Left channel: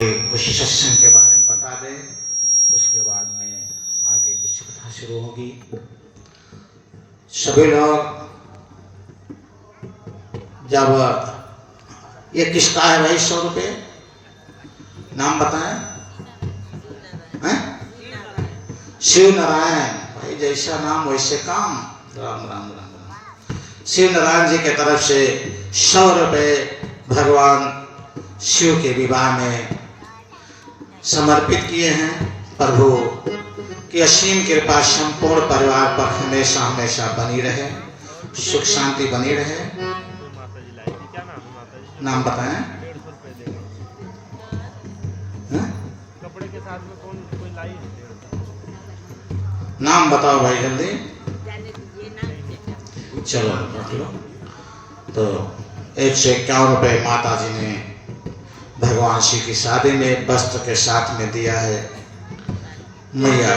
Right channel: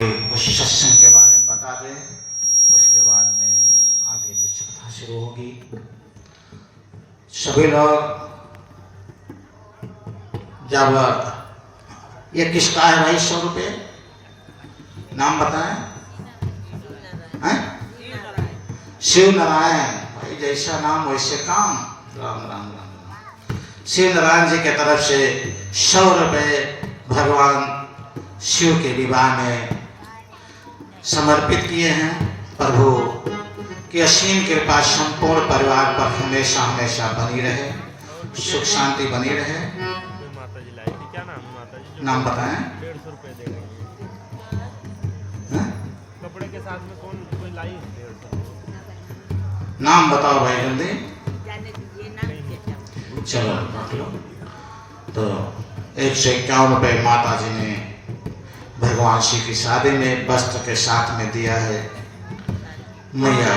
कुछ सत्संग के बारे में बता दे, उसके बाद में आगे कुछ कथा शुरू होगी। सभी लोग जब ये किसका है भाई 100 रुपये नाम बताएं? शिव नारायण भाई, जैसा नाम वैसे काम। राम राम राम राम। शिव नारायण जी के तरफ से 100 रुपये भगवान शिव के विवाह में समर्पित किए हैं। प्रभु की असीम कृपा संपूर्ण परिवार पर हमेशा हमेशा बनी रहे, सुख शांति बनी रहे। नाम बताएं? कपड़े के साथ में कोई लाई है? नाम बताओ भाई जल्दी। चलो रख लो। तो 151 रुपये माता जी ने भगवान शिव की शादी में वस्त्र के साथ में दिया है। मैया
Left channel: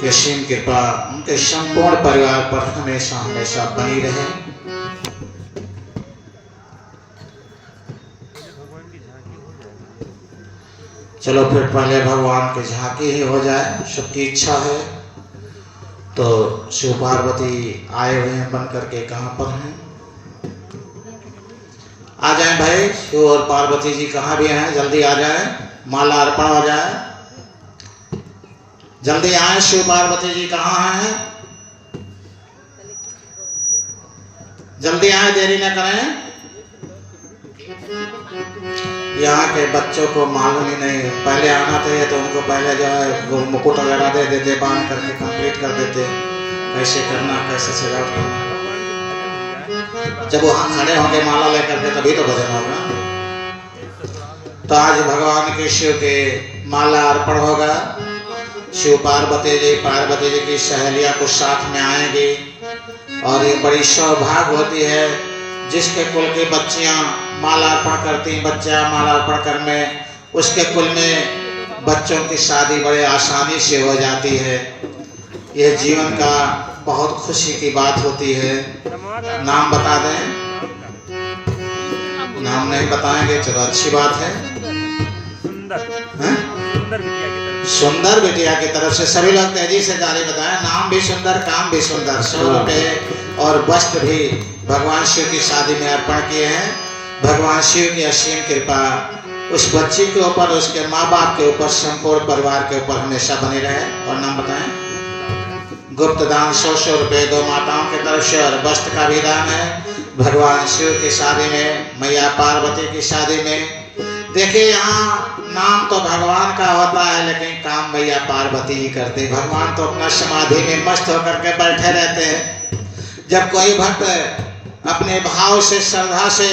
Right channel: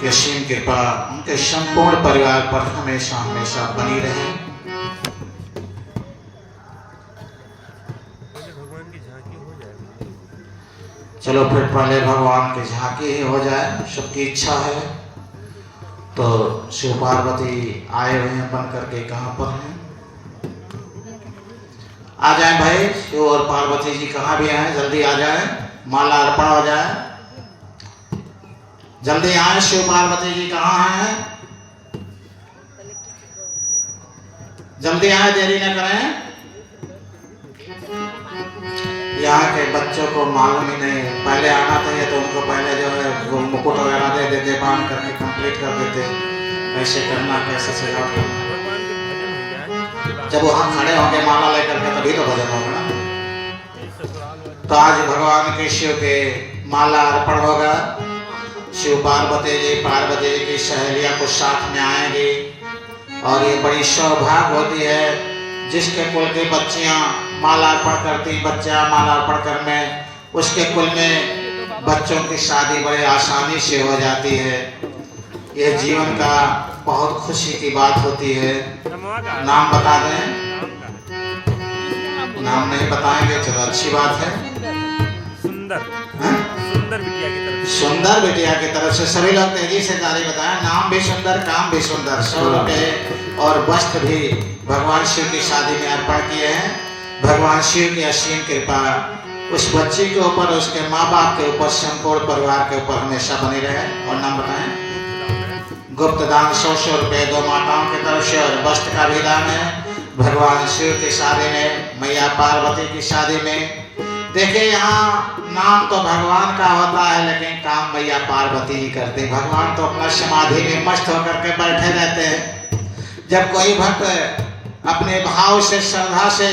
की असीम कृपा उनके संपूर्ण परिवार पर हमेशा हमेशा बनी रहे। चलो फिर पहले भगवान की झांकी ही हो जाए, सबकी इच्छा है। तो शिव पार्वती आए हुए हैं बन करके, कहाँ पर हैं? आ जाएं भाई, शिव और पार्वती जी कहाँ भी हैं, जल्दी आ जाएं, माला अर्पण हो जाए। जल्दी आए, शिव पार्वती जी कहाँ हैं? जल्दी आए, देरी न करें। यहाँ के बच्चों को मालूम ही नहीं, पहले आना चाहिए तो उनको पहले जो है वो मुकुट वगैरह दे देते, बांध करके कंप्लीट कर देते। कैसे करना, कैसे सजावट करना। जब वहाँ खड़े होंगे माला लेकर के तभी तो भजन होगा। तो आज भगवान के शिव के माला अर्पण होगा। शिव पार्वती जी की सहेलियां को साथ में आएंगे। और ये बड़ी सौभाग्य होती है जिसके कुल की बच्चियां माला अर्पण करती, बच्चा माला अर्पण करने, उसके कुल में बच्चों की शादी बड़ी आसानी से हो जाती है। ये जीवन का बहुत खुशी की बात होती है। नाम बता दें? नाम नहीं बताएंगे, चलो अच्छी बात है। सुंदर बिटिया की तरफ से सभी लोग तेजी से जारी बताएं। नाम भी सुंदर, काम भी सुंदर। 100 रुपये और वस्त्र भी भगवान शिव की शादी में अर्पण किए हैं। भगवान शिव की असीम कृपा उस बच्ची के ऊपर, उसके माँ बाप के ऊपर, संपूर्ण परिवार के ऊपर हमेशा बनी रहे। और नाम बताएं? गुप्त दान 100 रुपये 2 माताओं की तरफ से और वस्त्र का भी दान है भगवान शिव की शादी में, मैया पार्वती की शादी में। देखिए यहाँ नाम तो भगवान का होता है लेकिन काम मैया पार्वती ही करते। भगवान तो अपना समाधि में मस्त होकर के बैठे रहते हैं। जब कोई भक्त अपने भाव से, श्रद्धा से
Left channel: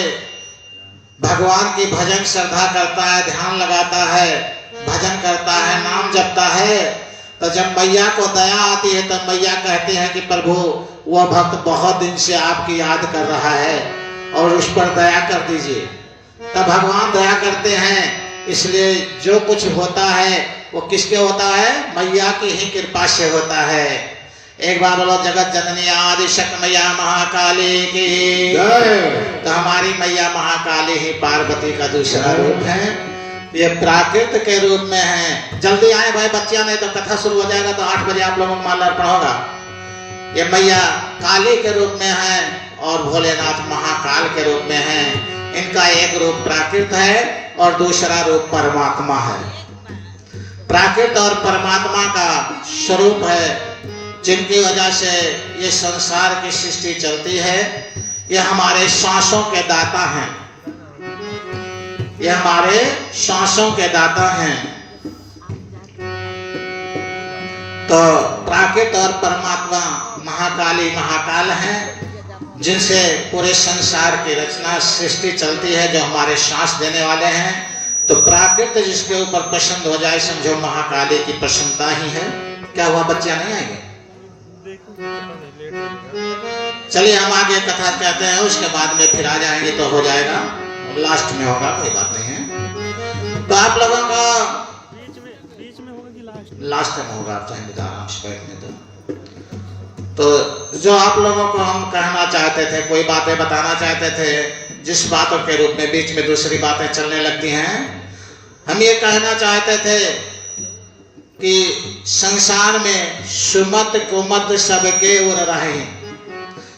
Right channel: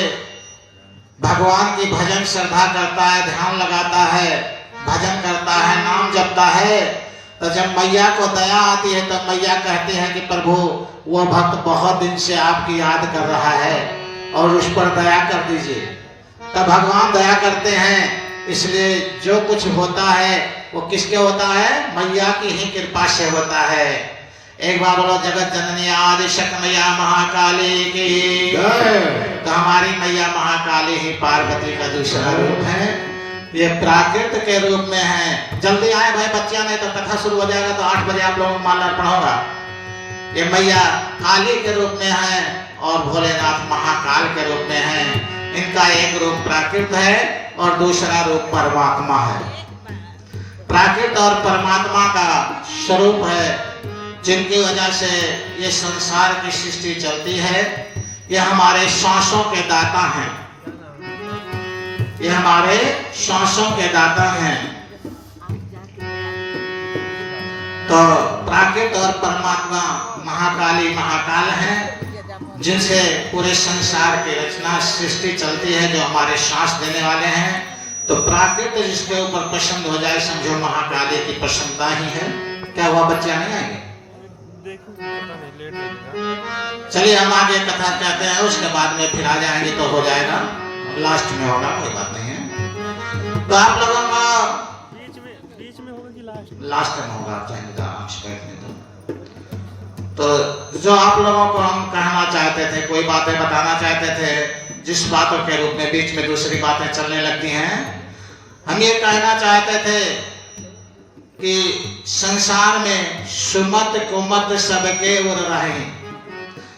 भगवान की भजन श्रद्धा करता है, ध्यान लगाता है, भजन करता है, नाम जपता है, तो जब मैया को दया आती है तो मैया कहती है कि प्रभु वो भक्त बहुत दिन से आपकी याद कर रहा है और उस पर दया कर दीजिए। तब भगवान दया करते हैं। इसलिए जो कुछ होता है वो किसके होता है? मैया की ही कृपा से होता है। एक बार बोलो जगत जननी आदि शक्ति मैया महाकाली की जय। तो हमारी मैया महाकाली ही पार्वती का दूसरा रूप है। ये प्राकृत के रूप में है। जल्दी आए भाई बच्चियां, नहीं तो कथा शुरू हो जाएगा। तो 8 बजे आप लोगों को माला अर्पण होगा। ये मैया काली के रूप में है और भोलेनाथ महाकाल के रूप में है। इनका एक रूप प्राकृत है और दूसरा रूप परमात्मा है। प्राकृत और परमात्मा का स्वरूप है जिनकी वजह से ये संसार की सृष्टि चलती है। ये हमारे सांसों के दाता हैं। ये हमारे सांसों के दाता हैं। तो प्राकृत और परमात्मा महाकाली महाकाल हैं जिनसे पूरे संसार की रचना सृष्टि चलती है, जो हमारे सांस देने वाले हैं। तो प्राकृत जिसके ऊपर पसंद हो जाए समझो महाकाली की प्रसन्नता ही है। क्या हुआ, बच्चे नहीं आएंगे? चलिए हम आगे कथा कहते हैं, उसके बाद में फिर आ जाएंगे तो हो जाएगा, लास्ट में होगा, कोई बात नहीं है। तो आप लोगों का बीच में होगा कि लास्ट में होगा, चाहे आराम से बैठने दो। तो जो आप लोगों को हम कहना चाहते थे, कोई बातें बताना चाहते थे, जिस बातों के रूप में बीच में दूसरी बातें चलने लगती हैं, हम ये कहना चाहते थे कि संसार में सुमत कुमत सबके ओर रहे,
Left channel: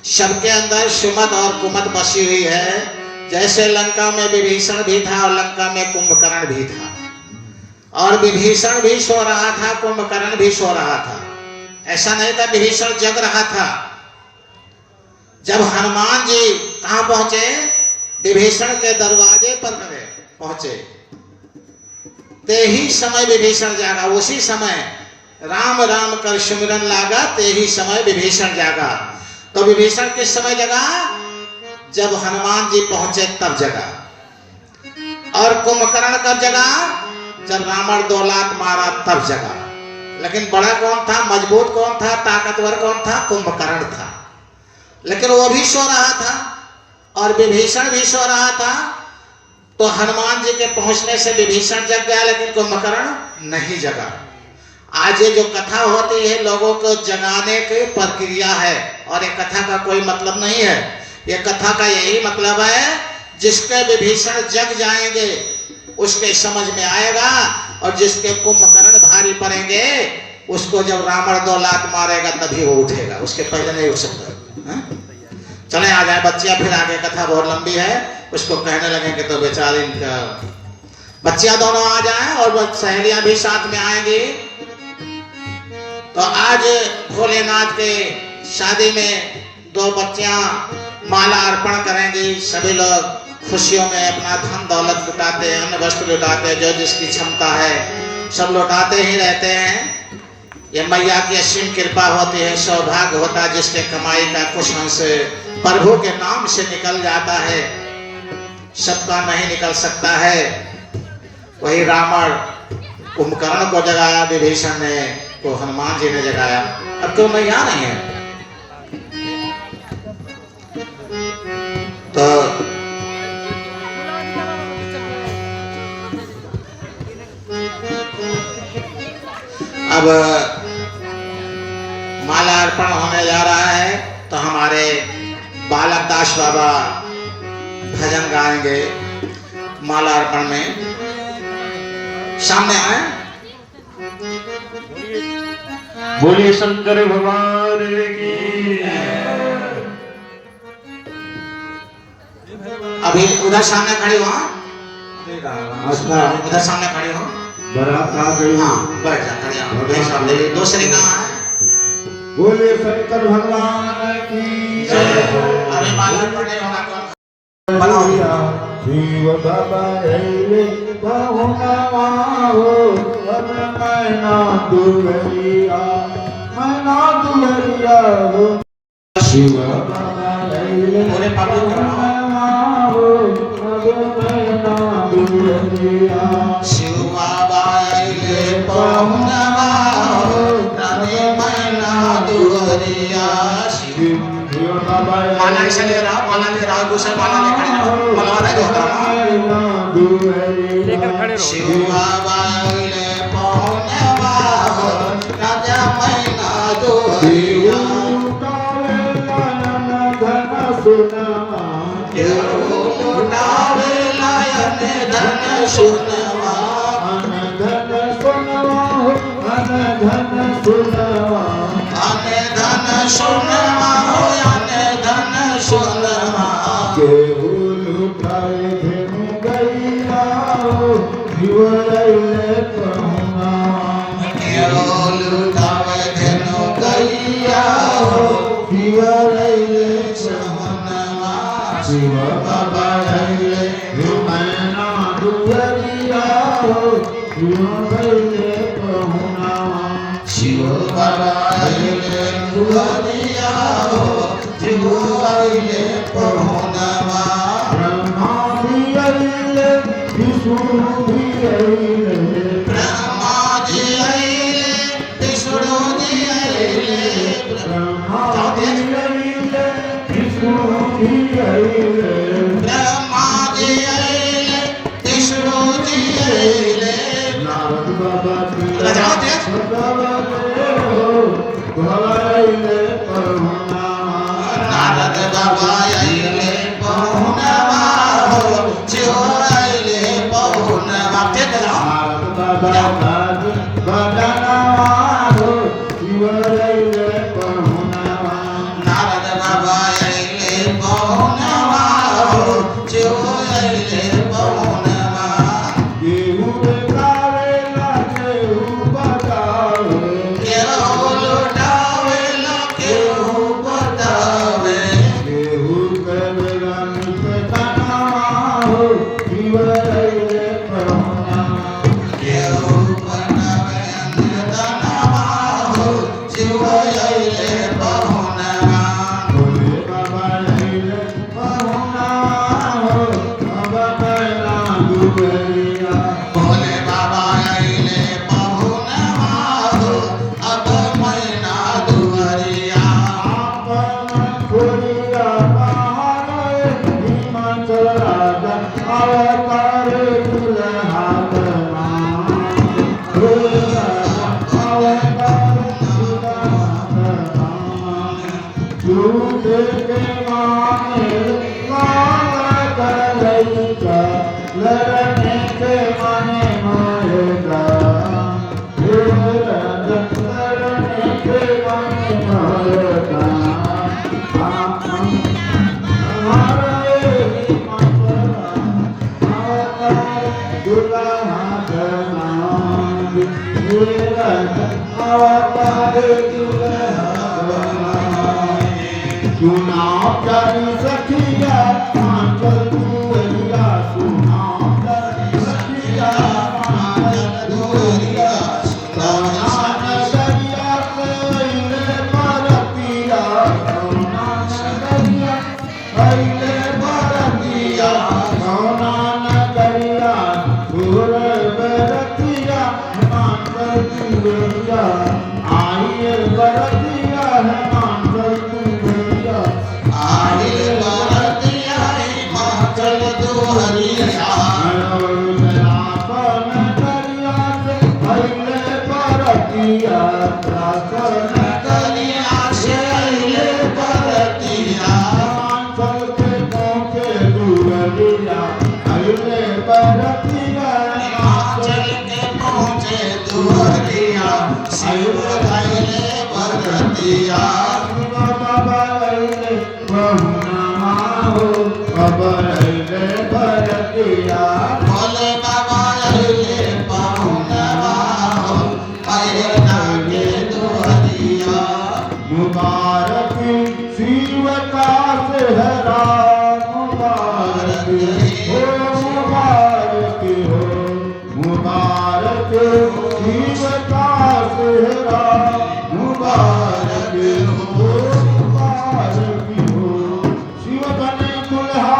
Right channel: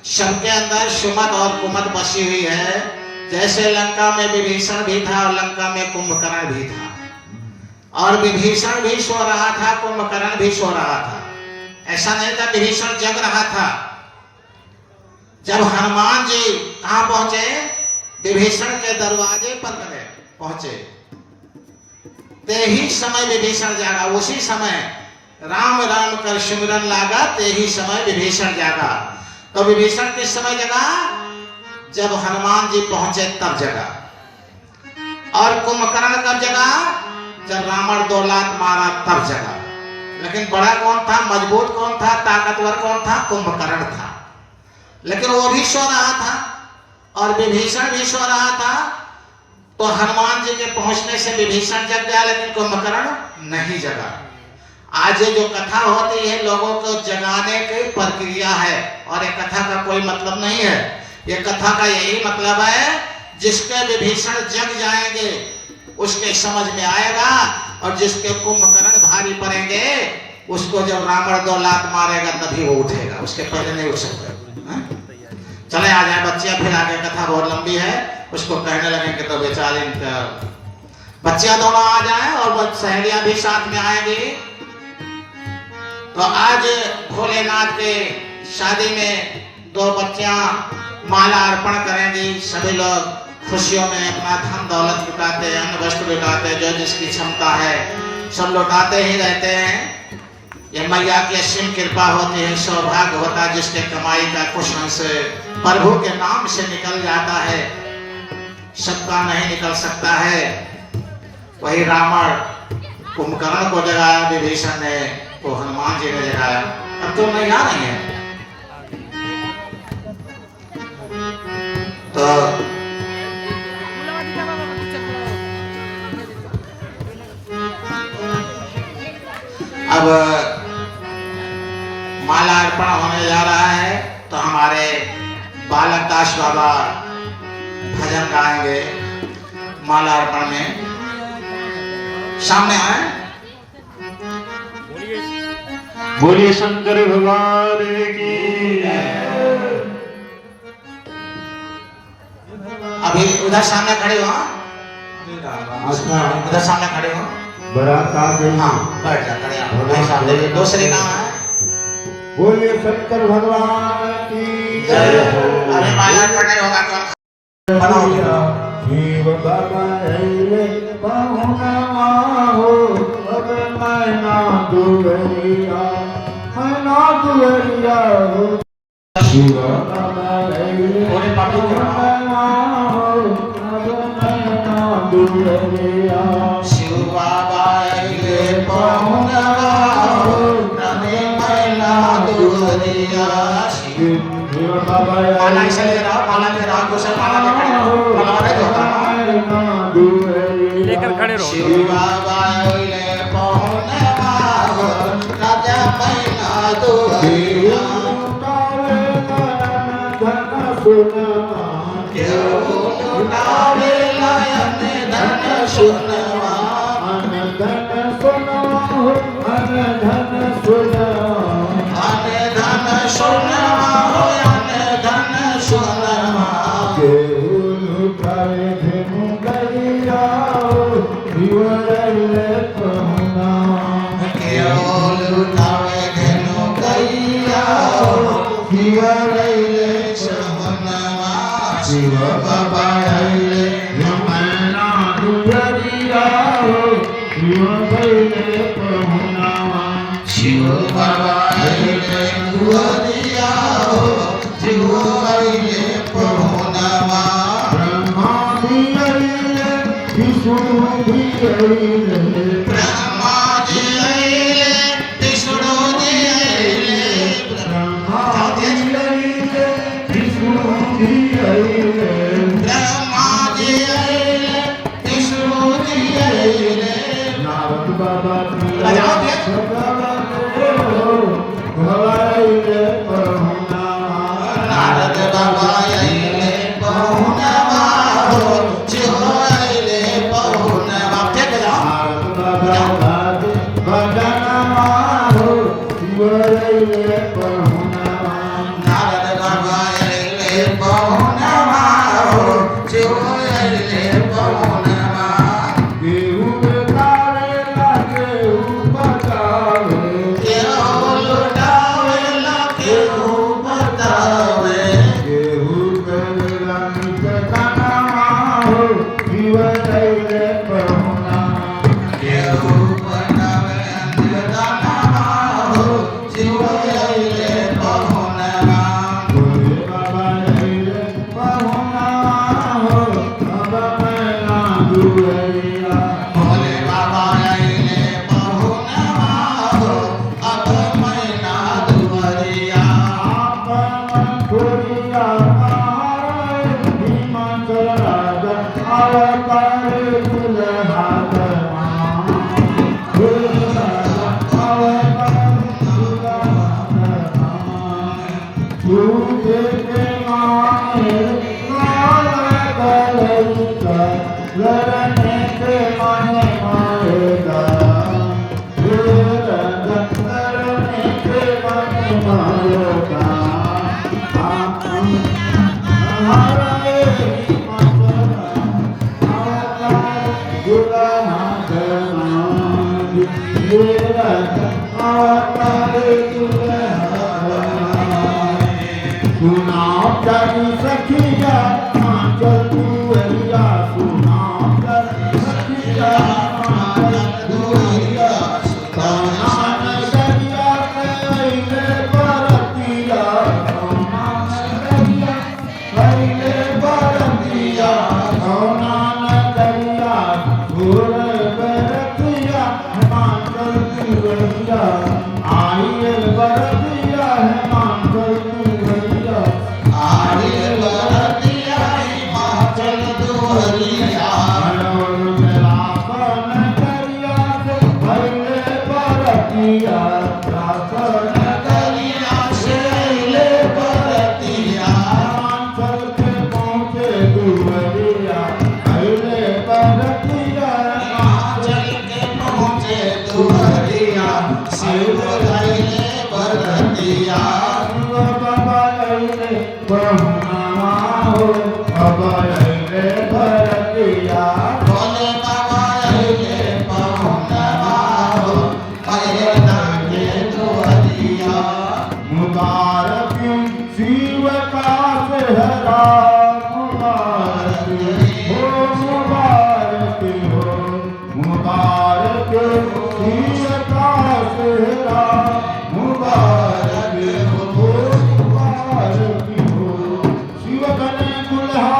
सबके अंदर सुमत और कुमत बसी हुई है। जैसे लंका में विभीषण भी था और लंका में कुंभकर्ण भी था, और विभीषण भी सो रहा था, कुंभकर्ण भी सो रहा था। ऐसा नहीं था विभीषण जग रहा था। जब हनुमान जी कहाँ पहुंचे, विभीषण के दरवाजे पर गए पहुंचे, ते ही समय विभीषण जागा। उसी समय राम राम कर सिमरन लागा, ते ही समय विभीषण जागा। तो विभीषण किस समय जगा, जब हनुमान जी पहुंचे तब जगा। और कुंभकर्ण कब जगा, जब रावण 2 लात मारा तब जगा। लेकिन बड़ा कौन था, मजबूत कौन था, ताकतवर कौन था, कुंभकर्ण था। लेकिन वो भी सो रहा था और विभीषण भी सो रहा था। तो हनुमान जी के पहुंचने से विभीषण जग गया, लेकिन कुंभकर्ण नहीं जगा। आज ये जो कथा होती है लोगों को जगाने की प्रक्रिया है, और ये कथा का कोई मतलब नहीं है। ये कथा का यही मतलब है, जिसके विभीषण जग जाएंगे उसके समझ में आएगा, और जिसके कुंभकर्ण भारी पड़ेंगे उसको जब रावण 2 लात मारेगा तभी वो उठेगा, उसके पहले नहीं उठ सकता। चले आ जाए बच्चियां, फिर आगे कथा बहुत लंबी है, उसको कहने लगेंगे तो बेचारे बच्चियां दोनों आ जाएं और सहेलियां भी साथ में आएंगी। तो आज भोलेनाथ के शादी में 2 बच्चियां माला अर्पण करेंगी। सभी लोग खुशियों में अपना धन दौलत लुटाते हैं, अन्न वस्त्र लुटाते हैं, जो जिसकी क्षमता है सब लुटाते ही रहते हैं। ये मैया की असीम कृपा होती है, सौभाग्य होता है जिसके कमाई का कुछ अंश प्रभु के नाम से निकल जाता है, सबका नहीं निकल सकता है। वही रावण कुंभकर्ण को जगाया विभीषण ने, को हनुमान जी ने जगाया। अब क्यों नहीं आ रही है? तो अब माला अर्पण होने जा रहा है, तो हमारे बालक दास बाबा भजन गाएंगे माला अर्पण में। सामने आए। बोले शंकर भगवान की। अभी उधर सामने खड़े हो, उधर सामने खड़े हो। हाँ बैठ जा, खड़े हो भाई साहब। देखिए दूसरी नाम है। बोले शंकर भगवान की जय। अभी माला अर्पण नहीं होगा कौन? पूरे पब्लिक शिव बाबा आइले पहुनवा तने मैना दुहरिया। माला से ले रहा, माला ले रहा, दूसरे माला ले खड़े रहो, माला नहीं होता, लेकर खड़े रहो। शिव बाबा आइले पहुनवा तने मैना दुहरिया। शिव बाबा आइले मैना दुहरिया, शिव बाबा आइले दुहरिया, शिव आइले पहुनवा। ब्रह्मा भी आइले, विष्णु भी आइले, ब्रह्मा जी आइले, विष्णु जी आइले, ब्रह्मा जी आइले, विष्णु जी आइले, ब्रह्मा जी आइले, विष्णु जी आइले। नारद बाबा राजाओ देख नारद बाबा आइले पहुनवा, शिव आइले पहुनवा। फिर बजाओ। नारद बाबा आइले पहुनवा हो शिव आइले पहुनवा केहू लुटावेला केहू बतावे केहू बनावे अंधदानवा हो शिव आइले पहुनवा भोले बाबा आइले पहुनवा हो अब मैना दुआरिया सखिया चल दुअरिया सुना सखिया चल दुअरिया नगरिया कैले बरतिया कैले बरतिया कौना नगरिया सुर बरतिया मांगल दुअरिया आइए बरतिया मांगल दुअरिया आइले बरतिया हिमाचल दुआरिया नगरिया से आइले बरतिया हिमाचल के पहुँचे दुआरिया शिव आइले बरतिया भोले बाबा आइले पहुनवा हो मैना के दुआरिया मुबारक शिव का सेहरा मुबारक हो मुबारक हो मुबारक शिव का सेहरा मुबारक हो मुबारक हो शिव बने दुल्हा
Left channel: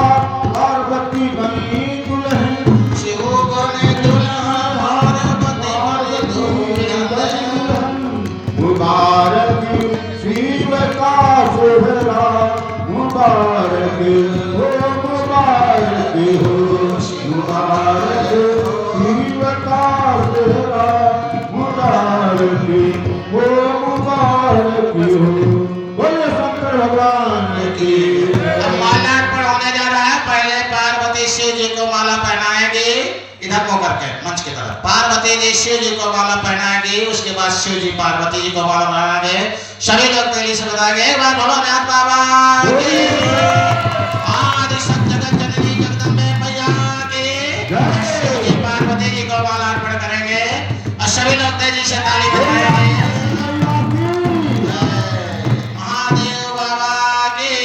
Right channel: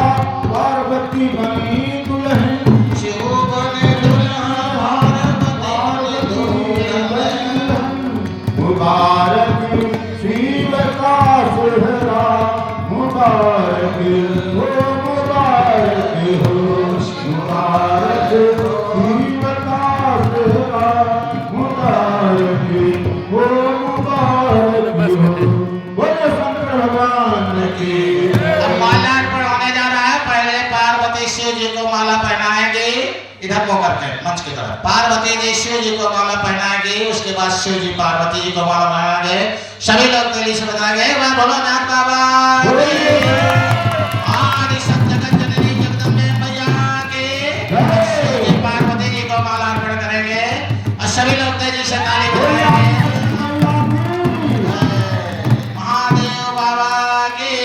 पार्वती बनी दुल्हन शिव बने दुल्हा पार्वती दुल्हन मुबारक शिव का सेहरा मुबारक हो मुबारक हो मुबारक शिव का सेहरा मुबारक हो मुबारक हो बोले शंकर भगवान की अब माला अर्पण होने जा रहा है। पहले पार्वती शिव जी को माला पहनाएंगे, इधर को करके मंच की तरफ पार्वती जी शिव जी को माला पहनाएंगे, उसके बाद शिव जी पार्वती जी को माला पहनाएंगे। सभी लोग तेली से बताएंगे एक बार बोलो नाथ बाबा की आदि सब जगत जननी जगदम्बे मैया की शिव जी पार्वती जी को माला अर्पण करेंगे और सभी लोग तेजी से ताली बजाएंगे। महादेव बाबा की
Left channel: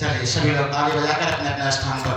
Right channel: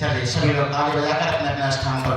चलिए सभी लोग ताली बजाकर अपने अपने स्थान पर